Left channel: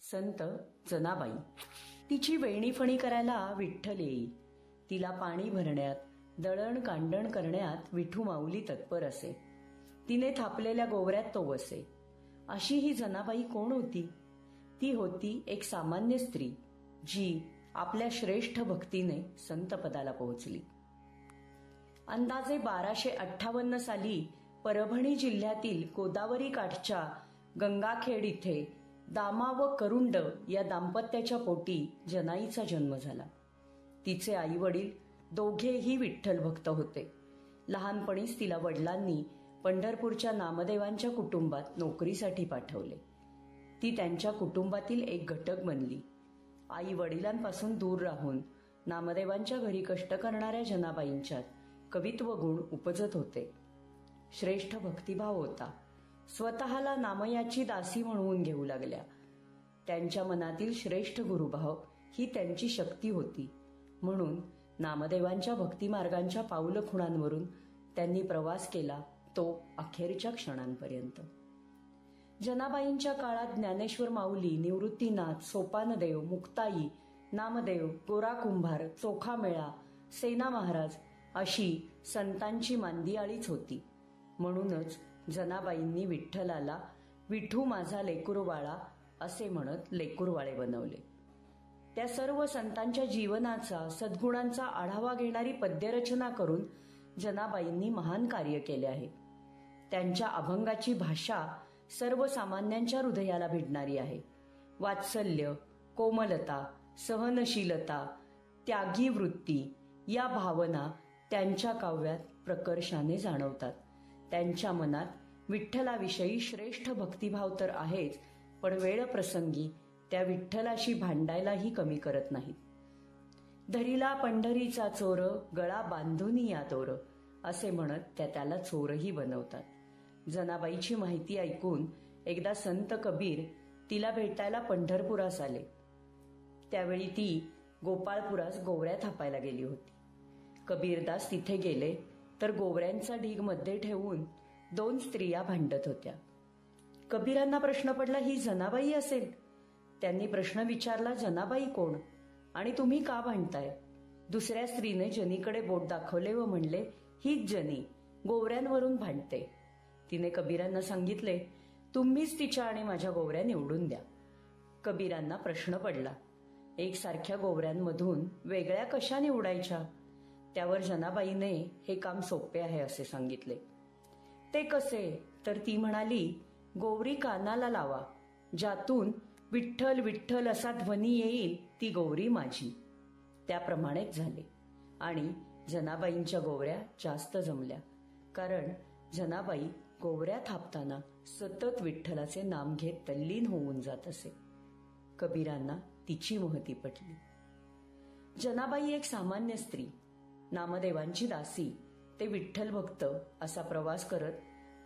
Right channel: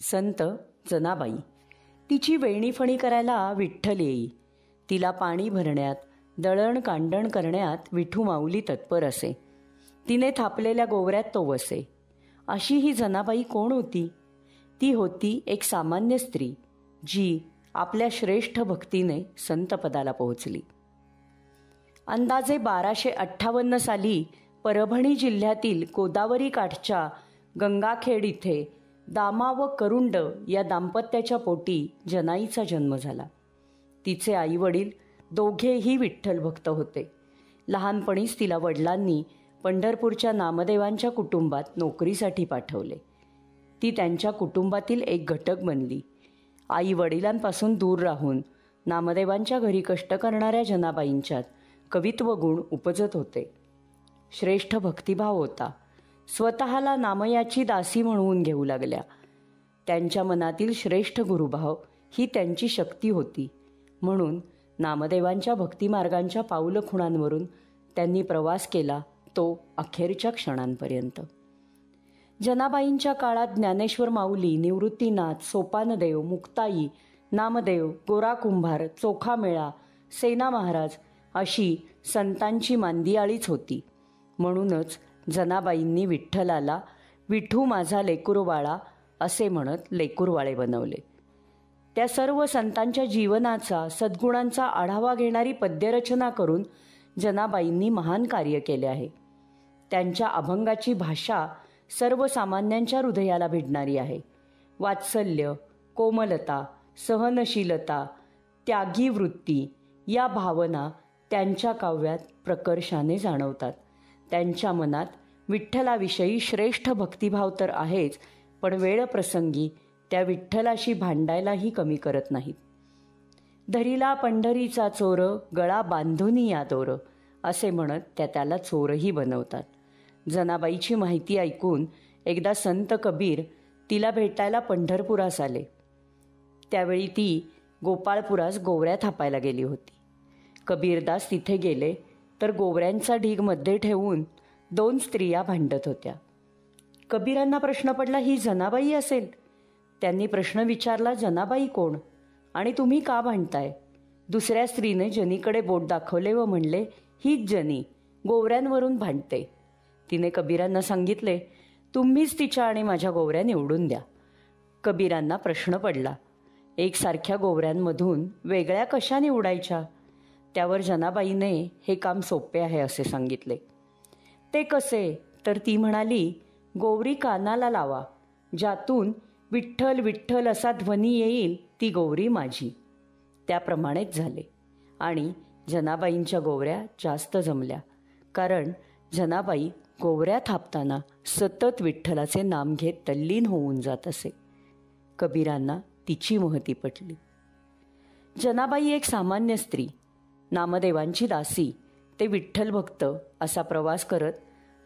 संत जनाबाई. तिची वेणीफणी करायला विठ्ठल येई. तिला पाणी भरण्यात, दळण कांडण करण्यात विठू माऊली तत्पर असे. तिने थापलेल्या गोवऱ्यात तो वसे. अशी ही जनाबाई कोण होती? ती होती एक सामान्य स्त्री, जी आपल्या श्रेष्ठ भक्तीने संतपदाला पोहोचली. अंदाजे 1258 साली परभणी जिल्ह्यातील गोदावरी काठच्या गंगाखेड इथे दामा व करुंड या दाम्पत्याच्या पोटी जनाईचा जन्म झाला. तिचे आई वडील दोघेही विठ्ठल भक्त होते. लहानपणीच तिला वडिलांनी पंढरपूरच्या नामदेवांच्या कुटुंबात नोकरीसाठी पाठवले. ती त्यांच्या कुटुंबातील एक घटक बनली. आई वडिलांपासून दूर राहून नामदेवांच्या घरी कष्ट करणाऱ्या जनाबाईंच्यात कवित्व गुण उपजत होते. श्रेष्ठ भक्तिभाव होता. स्वतःला नामयाची दासी म्हणवून घेऊ लागल्या. त्यांच्या मनातील श्रेष्ठ गुरुभाव ही त्यांची शक्ती होती. म्हणून नामदेवांच्या भक्तिमार्गांच्या पाऊलखुणांवरून त्यांनी प्रवास केला, तो अखेरच्या क्षणांपर्यंत. जनाबाईंच्या काळात ज्ञानेश्वर माऊली, निवृत्तीनाथ, सोपानदेव, मुक्ताई, नामदेव, गोरा कुंभार, चोखामेळा, सेना महाराज अशी संतांची मांदियाळीच होती. म्हणूनच जनाबाईंनी विठ्ठलाला विठू माझा लेकुरवाळा असे म्हणत लेकुरवाळे बनवले. त्या सर्व संतांच्या जीवनाचा, सद्गुणांचा आढावा घेणारी पद्यरचना करून जनाबाईंनी महान कार्य केले आहे. त्यांच्या अभंगाची भाषा सर्वसामान्यांच्या हृदयाला भिडणारी आहे. वात्सल्य, कोमलता, सहनशीलता, त्यागी वृत्ती या भावना त्यांच्या काव्यात प्रकर्षाने जाणवतात. त्यांच्या मनात विठ्ठलाविषयी श्रेष्ठ भक्तिभाव तर आहेच, पण वेळप्रसंगी त्या विठ्ठलाशी भांडायलाही कमी करत नाहीत. धरीला पंढरीचा चोर, गळा बांधुनी या दोर असे म्हणत त्या त्याला चोरही बनवतात. जनाबाईची माहिती ऐकून एकदा संत कबीर तिला भेटायला पंढरपुरास आले. त्यावेळी ती गोपाळपुरास गोवऱ्या थापायला गेली होती. कबीरदास तिथे गेले तर गोवऱ्यांचा ढीग मध्ये ठेवून 2 स्त्रिया भांडत होत्या. कबीरांना प्रश्न पडला, ही जनाबाई असेल. त्यांनी प्रश्न विचारला, जनाबाई कोण आणि तुम्ही का भांडताय? दुसऱ्या स्त्रीने जनीकडे बोट दाखवले व म्हणले, हीच जनी, गोवऱ्यांवरून भांडते. तिने कबीरांना सांगितले, तुम्हीच तिच्या आणि माझ्या गोवऱ्या निवडून द्या. कबीरांना प्रश्न पडला, एकसारख्या गोवऱ्यांमधून वेगळ्या कशा निवडायच्या? त्यावर जनाबाईने हे काम सोपे आहे असे सांगितले. ते कसे? तर ती म्हणाली, गोवरी कानाला लावा, ज्यातून विठ्ठल विठ्ठल असा ध्वनी येईल ती गोवरी माझी. त्याप्रमाणेच झाले आणि जनाबाईंच्या गोवऱ्या जास्त जमल्या. कारण जनाबाई गोवऱ्या थापताना सतत विठ्ठलाचे नाम घेत तल्लीन होऊन जात असे. कबीरांना तिची महती पटली. जनाबाई एक सामान्य स्त्री, नामदेवांची दासी ते विठ्ठल भक्त असा प्रवास करत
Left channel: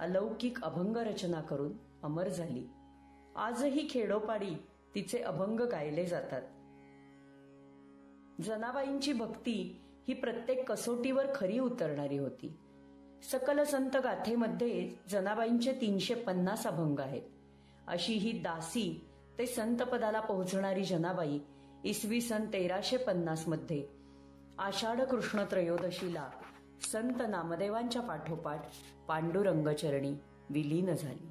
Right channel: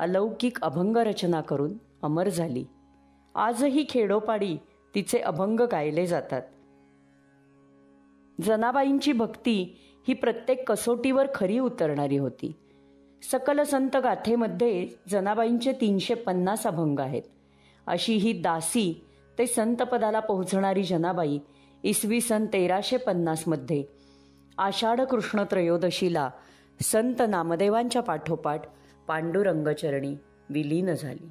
अलौकिक अभंग रचना करून अमर झाली. आजही खेडोपाडी तिचे अभंग गायले जातात. जनाबाईंची भक्ती ही प्रत्येक कसोटीवर खरी उतरणारी होती. सकल संत गाथेमध्ये जनाबाईंचे 350 अभंग आहेत. अशी ही दासी ते संतपदाला पोहोचणारी जनाबाई इसवी सन 1350 मध्ये आषाढ कृष्ण त्रयोदशीला संत नामदेवांच्या पाठोपाठ पांडुरंगचरणी विलीन झाली.